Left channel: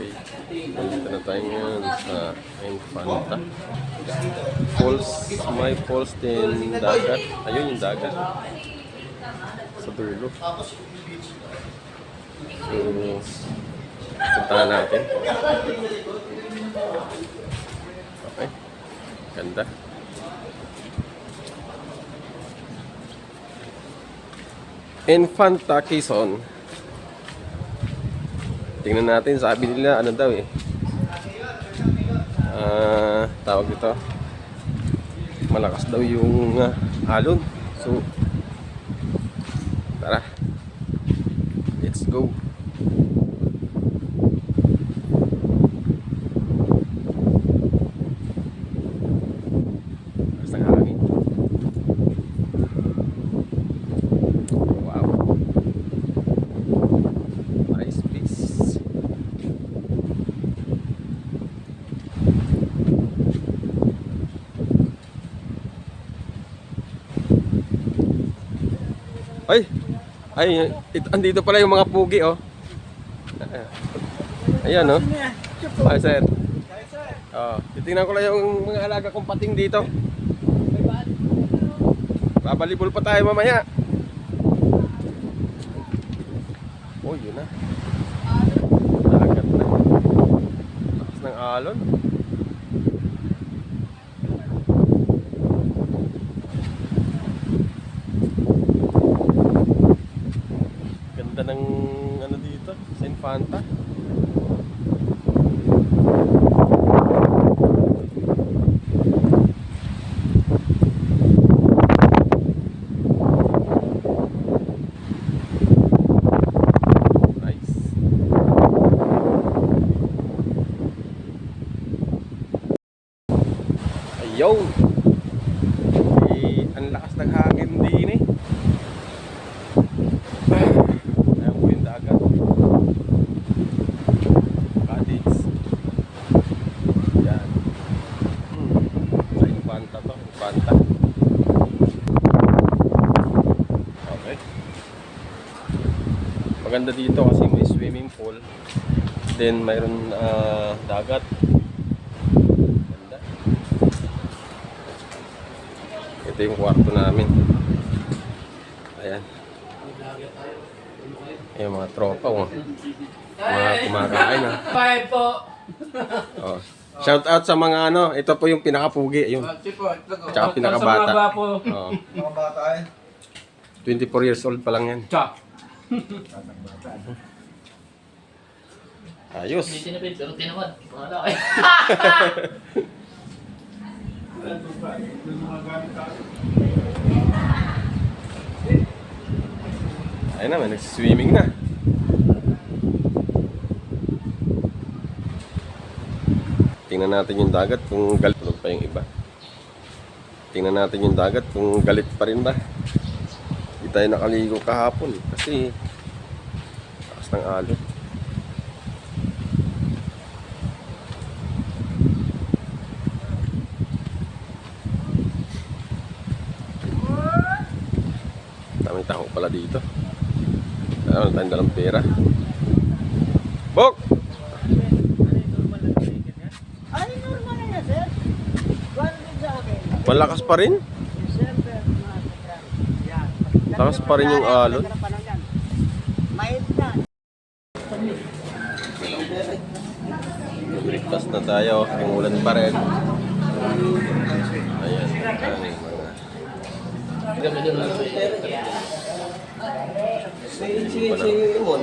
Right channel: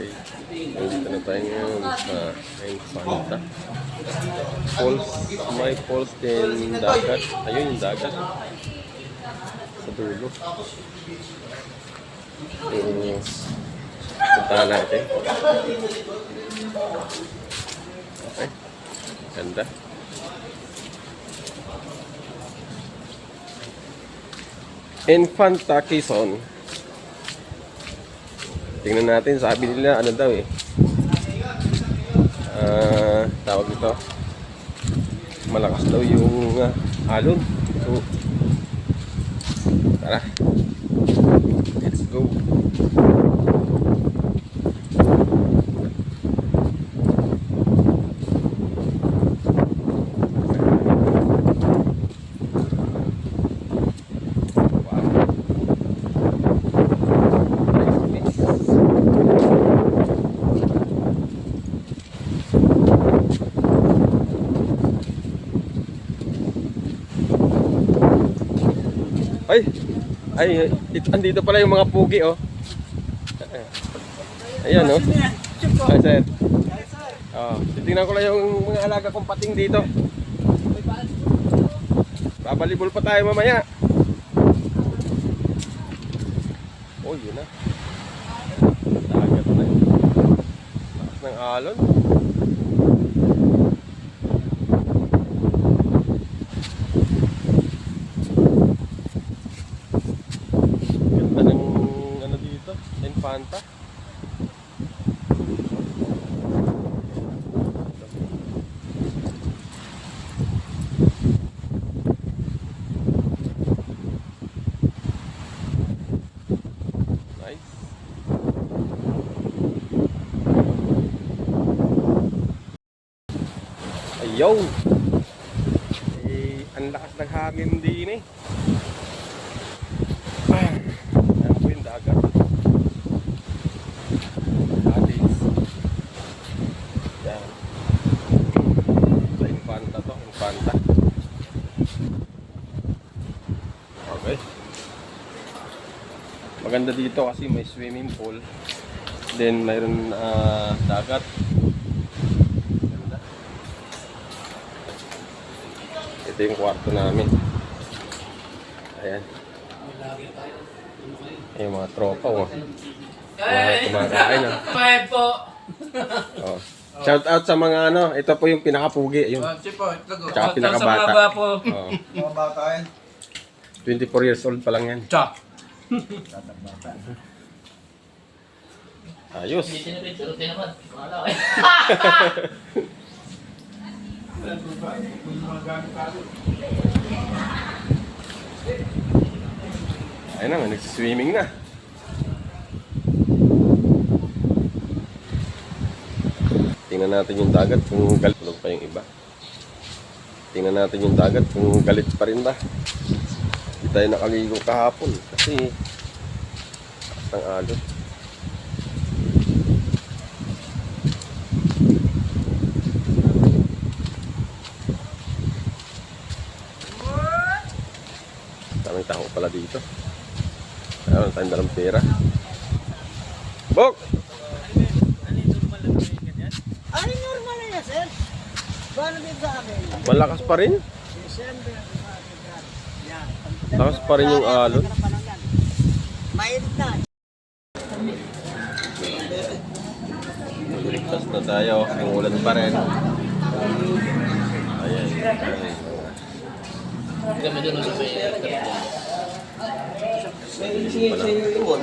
Okay, nandito na tayo ngayon sa Infanta Falls. May falls din dagat. Ayun yung dagat sa dulo. Puntahan natin. Okay, ganda. Infanta Quezon. Tingnan natin, sabi nila ano daw eh. Tawag dito. Malakas daw yung alon. So tara. Let's go. Andito pala yung mga pugi, oh. Ayan, oh. Ay, sir. Oh, titingnan ko lang yung mga alaga kong pating dito. Babalibol pa tayo mamaya. Oh, yun na. Dagat na. Lakas ng alon. Infanta. Nice. Ayun. Ang lakas ng hangin din eh. Ayan po yung dagat. Infanta. Okay. Maganda dito kasi may swimming pool. Then mayroon dagat. Ganda. Ito yung kwarto namin. Ayan. Ayan mga tropa, oh. Mga kumakain, ah. Bye po. Oh. Shout out sa mga ano, ito po yung pinakapugi, yung tsaka pinakabata. Oh. Mga bata eh. 24 years old pa lang yan. Tsa. Ayos. Ayun na, may nagsiswimming na. Tingnan natin yung dagat kung galit pa yung iba. Tingnan natin yung dagat kung galit pa rin ba. Hindi tayo nakaligo kahapon kasi taas ng alon. Daming tao pala dito. Meron tayong dalang pera. Bok! Ay, normal na yan, sir. Paano din sa akin? Malakas pa rin. Siyempre, yan. Lakas pa rin yung alon. Mainit na. Ligtas na tayo. Ang ulan pa rin. Ayan. Ang mga... Ganda doon sa may Sa iyo yung